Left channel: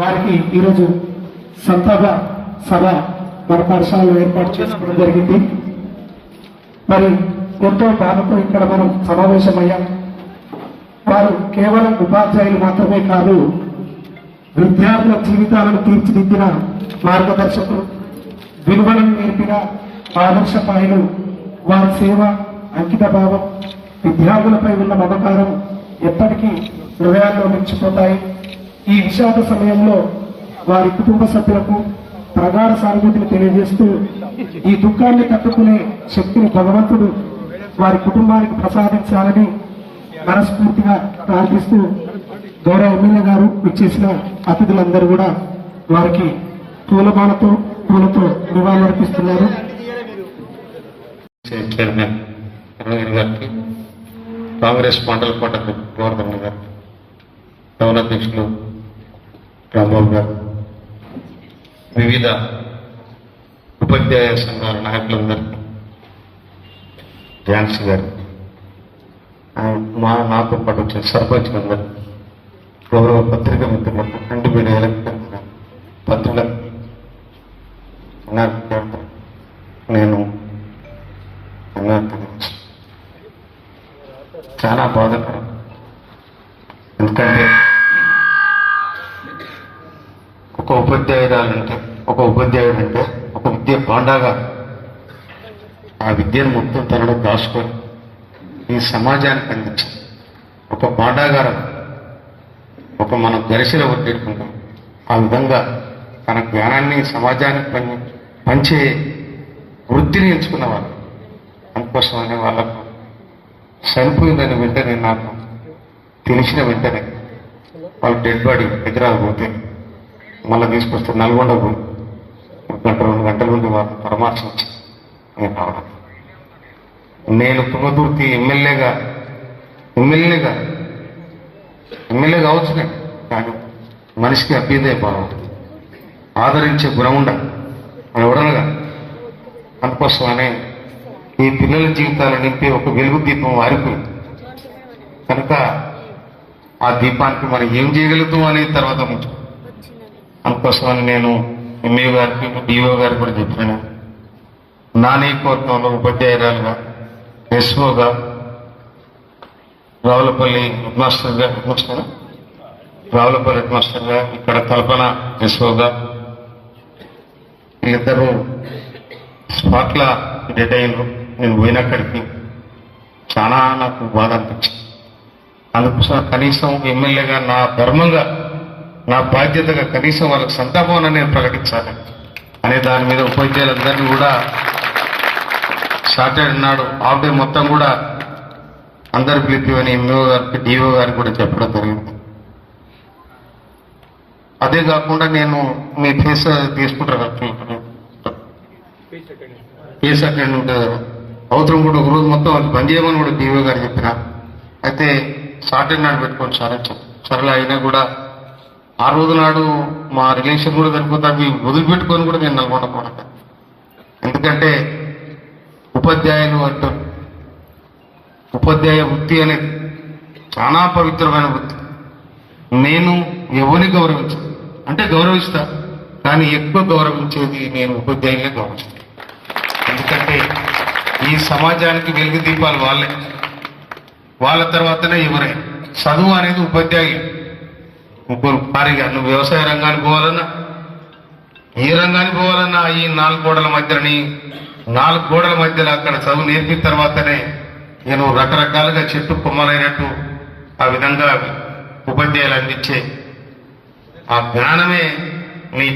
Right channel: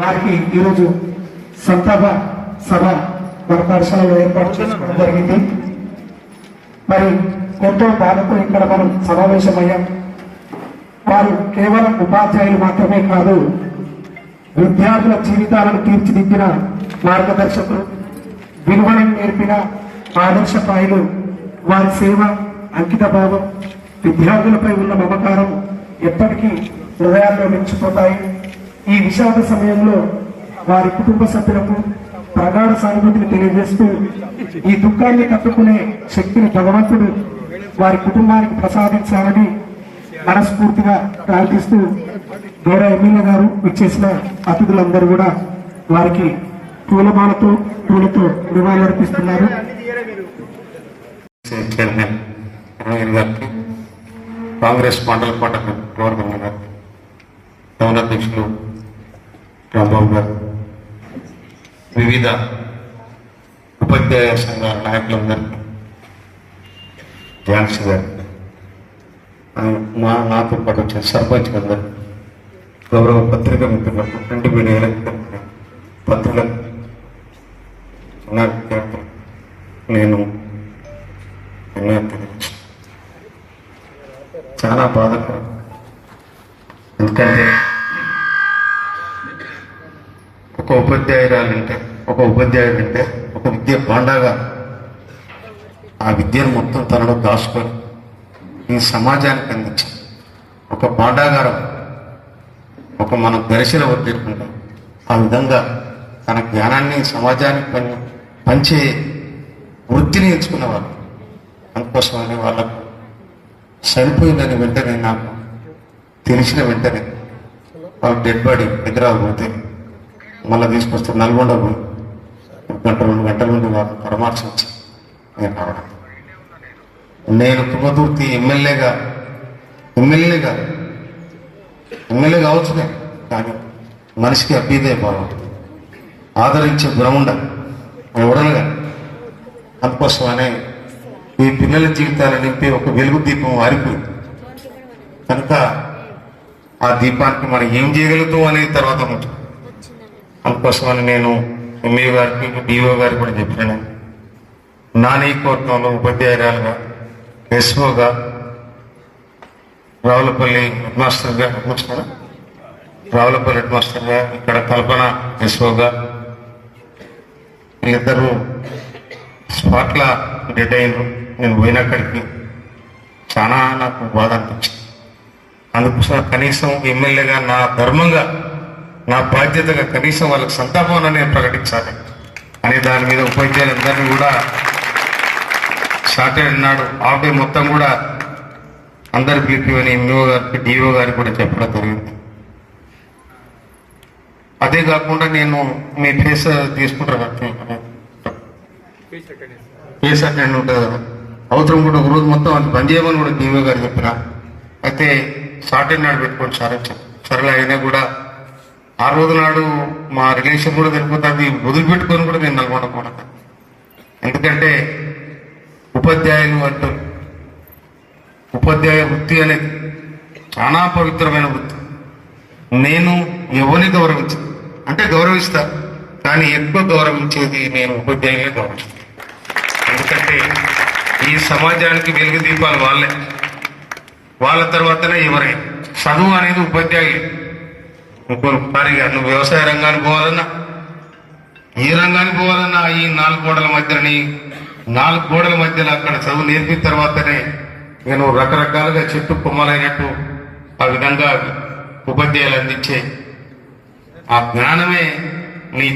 వారికి ఈరోజు సంతాప సభ మన పాఠశాలలో ఏర్పాటు చేసుకోవడం జరిగింది. మరి ఎంతో బాధతో ఇక్కడ మనం సమావేశమయ్యాం. వారు కేవలం ఉపాధ్యాయులు మాత్రమే కాదు, విద్యార్థుల జీవితాలను తీర్చిదిద్దిన మార్గదర్శకులు, విలువలను నేర్పిన ఆదర్శపాయులు. వారి సేవ, అంకిత భావం, విద్యార్థులపై ఉన్న మమకారం ఎప్పటికీ హృదయాల్లో నిలిచిపోతాయి. ఈ విషాద సమయంలో వారి కుటుంబ సభ్యులకు ప్రగాఢ సానుభూతిని తెలియజేస్తూ ఈ దుఃఖాన్ని తట్టుకునే శక్తిని భగవంతుడు వారి కుటుంబానికి ప్రసాదించాలని మనస్ఫూర్తిగా ప్రార్థిస్తూ గౌరవ ఎమ్మెల్యే గారు ఇచ్చేసిన అతిథులందరూ కూడా వారికి పూలతో నివాళులర్పిస్తున్నారు. కాంగ్రెస్ మండల కోట గవర్నర్ గారు, టౌన్ అధ్యక్షులు రాంబాబు గారు, వివిధ ఉపాధ్యాయ సంఘాల నాయకులందరికీ, ఝాన్సీ గారు, నాతో పాటు వచ్చిన సర్పంచ్లందరూ, గౌరవ పత్రికా మిత్రులకు, ప్రింట్ మీడియా పత్రికలకు నేను చాలా బాధకరం. ఎందుకంటే ఒక ఉపాధ్యాయుడంటే ఒక విద్య బాండాగా ఆ విద్యను మొత్తం తనలో దాచుకొని ఈ సమాజానికి అందించి ఒక బాండాగారం, ఒక మనం దర్శన పట్టేట్టుకుంటాం. ఆ విధంగా తన జ్ఞానాన్ని సమాజానికి పంచే వృత్తిని ఎంచుకున్న వాళ్ళు. అందుకోసమని వాళ్ళకు చనిపోయిందని వెంటనే నాకు తెలిసిన వెంటనే వాళ్ళు డెడ్ బాడీ హైదరాబాద్ పోతే మళ్ళీ తీసుకొస్తే నల్గొండ పోయి 2 గంటల నుండి వాళ్ళు పరామర్శించి నేను రావడం. నేను తుంగతుర్తి ఎమ్మెల్యేగా కావచ్చునే, కానీ మనిషికి అభ్యుదయ బాగుంటుంది, ఆదరించే గుణం ఉండాలి ఎవరనగా. అందుకోసమనే ఈ పిల్లల జీవితాలు నింపే ఒక వెలుగు దీపం ఆరిపోయింది కనుక ఆ దీపానికి మనం ఏం చేయగలుగుతాం అనేది తర్వాత ముఖ్యం. అందుకోసమని నేను ఎంఏ గారికి, డిఓ గారికి కూడా చెప్పాను. నా నియోజకవర్గంలో ఉపాధ్యాయురాలుగా, ఎస్ఓగా, రావులపల్లి హెడ్ మాస్టర్గా, ఇక్కడ కల్పన ఎస్ఓగా, వీళ్ళిద్దరూ స్పాట్ల డెడ్ అయ్యారు. నేను పోయినక్కడికి చాలా నాకు బాధ అనిపించింది. అందుకోసం కనీసం ఎమ్మెల్యేగా నా ధర్మంగా, నా బాధ్యతగా కనీసం వాళ్ళకి సంతాపాన్ని నేను ప్రకటించాలి అనే దాని మీద ఉపాధ్యాయులందరినీ కూడా సాటర్డే నాడు హాఫ్ డే మొత్తం కూడా అందరు పిలిపివని ఎంఓ గారికి, డిఓ గారికి కూడా చెప్పడం జరిగింది. అదే కాకుండా నేను మీ ఫేస్ తీసుకుంటాను, ఫేస్ అటెండ్ ఉంటుంది కదా, అవసరం కూడా ఒక రోజు మొత్తం అది బంద్ చేయమని కూడా డిఓ గారు చెప్పిన. అయితే సాటర్డే నాడు పెట్టుకోండి సార్ అని చెప్పి, సరేలే అయినా కూడా ఆ రోజు నాడు మా రిలేషన్ కూడా సరిపోతే అది వదిలిపెట్టుకొని కూడా నేను నల్గొండకూడదు. ఎందుకంటే ఉపాధ్యాయులు అంటారు, ఉపాధ్యాయ వృత్తి అనేది చాలా పవిత్రమైన వృత్తి. నేను ఎవరిని గౌరవిస్తా, కానీ ఎక్కువ గౌరవించేది నేను ఉపాధ్యాయులనే గౌరవిస్తాను. ఎందుకంటే ఈ సమాజానికి వెలుగు దీపాలు వాళ్ళ తర్వాతనే ఎవరైనా. చదువు అనేది ఉపాధ్యాయులు. భారీగా నువ్వు వ్యవసాయ రంగానికి పోవాలన్నా, ఏ రంగానికి పోవాలన్నా ఈ 4 గోడల మధ్యలో అక్కడ చదువు నేర్పిన తర్వాతనే నేను రకరకాలుగా చెట్టు కొమ్మలైనట్టు ఆ విధంగా ఉపాధ్యాయులు అందించే ఆ జ్ఞానమే నీ